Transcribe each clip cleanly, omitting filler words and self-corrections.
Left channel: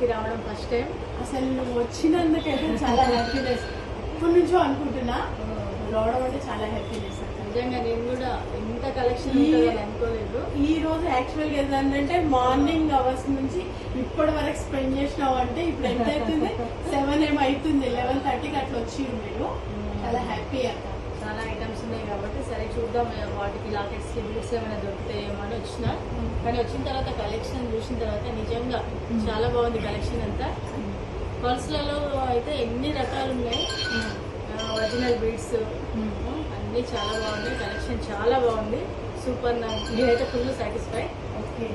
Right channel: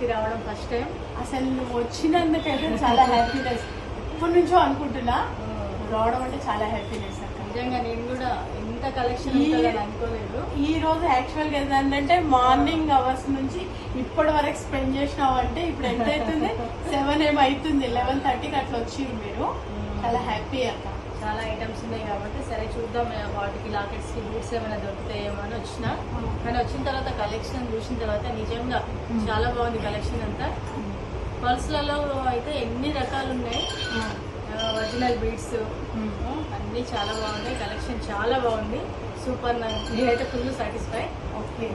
కి రావడం first time. అసలు నువ్వు వచ్చినందుకైతే చాలా హ్యాపీనెస్. ఇప్పటి నుంచో అనుకుంటున్నా, రావడం అంటే చాలా హ్యాపీనెస్. నిజంగా నేను కూడా ఇంత కలెక్షన్ ఉంటుందని అనుకోలేదు. ఈ రోజు యాక్చువల్ గా ఏంటంటే మార్నింగ్ అవర్స్ నుంచి ఇప్పటి వరకు స్పెండ్ చేసినావు అంటే ఇప్పుడు ఎంత అవుతుంది, 7 ఏమవుతుంది, 11:30కి అట్లా వచ్చి మీరు. చాలా హ్యాపీ అంట. చాలా ఐటమ్స్ ఉన్నాయి కాబట్టి సరే చూద్దాం వాటికి లాకెట్స్ కి బూట్స్ ఏమైనా దొరుకుతాయేమో అని వచ్చిన. కానీ వచ్చిన తర్వాత కలెక్షన్ చూసిన తర్వాత నిజంగా చాలా బాగుంది కలెక్షన్ అంతా. పర్సులలో అయితే ఎన్ని రకాలు ఉన్నాయి, ఒరిజినల్ బీడ్స్ అన్ని చాలా బాగున్నాయి. కలెక్షన్ చాలా బాగుంది, సూపర్. నేనైతే ఫుల్ సాటిస్ఫై.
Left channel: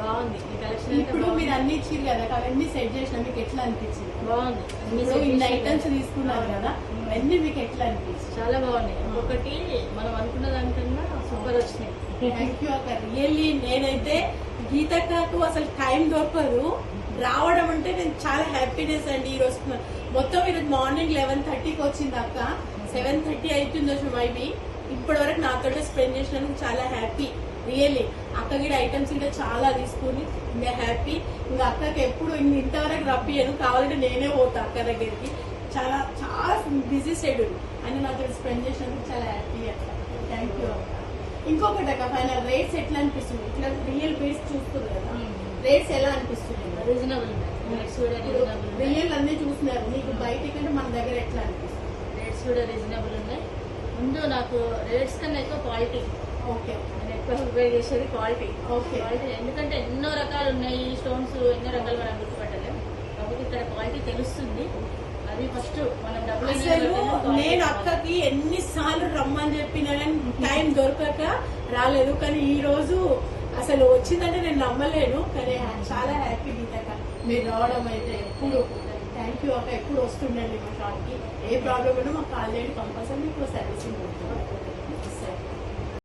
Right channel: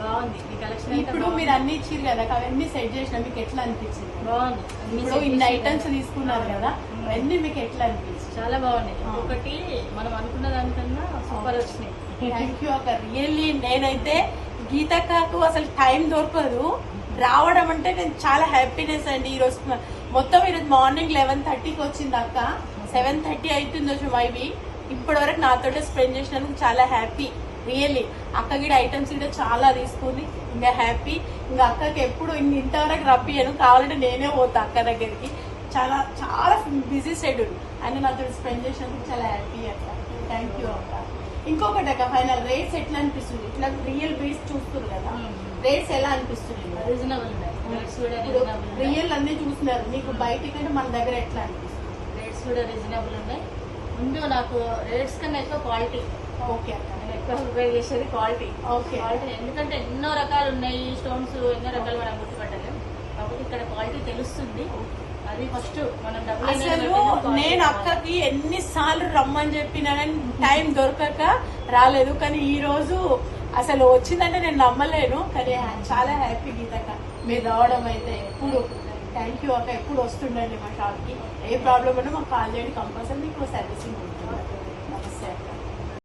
బాగుంది ఈ కలెక్షన్. ఇప్పుడు మీరు అన్ని ఇచ్చారు కదా, అవన్నీ సెట్ చేసిన మీకు ఎట్లా అనిపించింది? బాగుంది. ఇప్పుడు ఇన్ని ఐటమ్స్ తీసుకున్నారు కదా, అన్ని మీకు ఎట్లా అనిపించింది? చాలా బాగున్నాయి. ఒకటి మనం అనుకున్న దానికన్నా సూపర్ వచ్చినాయి. థ్యాంక్ యూ అక్క. రియల్లీ నేనైతే గీతకు అసలు టైం దొరకదు రావడం అంటే నేను చాలా హ్యాపీనెస్ అండి. ఈ రోజు మొత్తం ఈరోజు మార్నింగ్ 11:30కి వచ్చింది అక్క, 7:30 అవుతుంది మైబీ. ఇప్పటి వరకు నాతో స్పెండ్ చేసినందుకు చాలా హ్యాపీ. రియల్లీ అక్క గిడ ఐటమ్స్ కూడా చాలా తీసుకుని ఇంకా హ్యాపీ. ఇంకా అక్కకి ఎప్పుడు ఇంతవరకు రప్పియను, కావాలంటే నేనే పోతా అక్క దగ్గరికి. చాలా చాలా బిజీ షెడ్యూల్ అని నాతో స్పెండ్ చేసినందుకు చాలా హ్యాపీ అక్క. థ్యాంక్ యూ అక్క. ఇంకొకటి అక్క, ఫైనల్ రేట్స్ ఎట్లా అనిపిస్తుంది? ఇట్లా రియల్ బేస్ చూస్తుంది కదా, రేట్స్ ఎలా అనిపిస్తుంది? రీజనబుల్ రియల్ అన్ని చూస్తున్నారు, మీకు బయట కంటే మన దగ్గర ఎట్లా అనిపిస్తుంది? రేట్స్ కూడా రీజనబుల్ ఉన్నాయి. ముందు నాకు రేట్స్ కన్నా ఎక్కువ క్వాలిటీ. ఓకే, నేను ఎక్కువ ప్రిపేర్ చేసేది క్వాలిటీ. ఓకే, క్వాలిటీ ఎందుకంటే ఎన్నో రకాలు ఉన్నాయి, స్టోన్స్ ఎన్నో రకాలు మనం గుర్తుపట్టలేము. కాబట్టి ఇక్కడ క్వాలిటీ తెలుస్తుంది. అది ఫస్ట్ మనం అసలు నేను అక్కకి ఎన్నిసార్లు రమ్మని చెప్పినా కానీ టైం దొరకక రాలేదు. కానీ ఈ రోజు అసలు వచ్చిందంటే నేను నమ్మలేను. కానీ చాలా హ్యాపీ గీతక్క మీరు రావడం అయితే. ఎప్పుడు థ్యాంక్ యూ అక్క. ఎప్పుడు వస్తుండండి మా షాప్ కి. ఏ ప్రాబ్లం ఉన్నా మాకు కాల్ చేయండి, కంపల్సరీ మీకు సర్వీసింగ్ ఉంటుంది.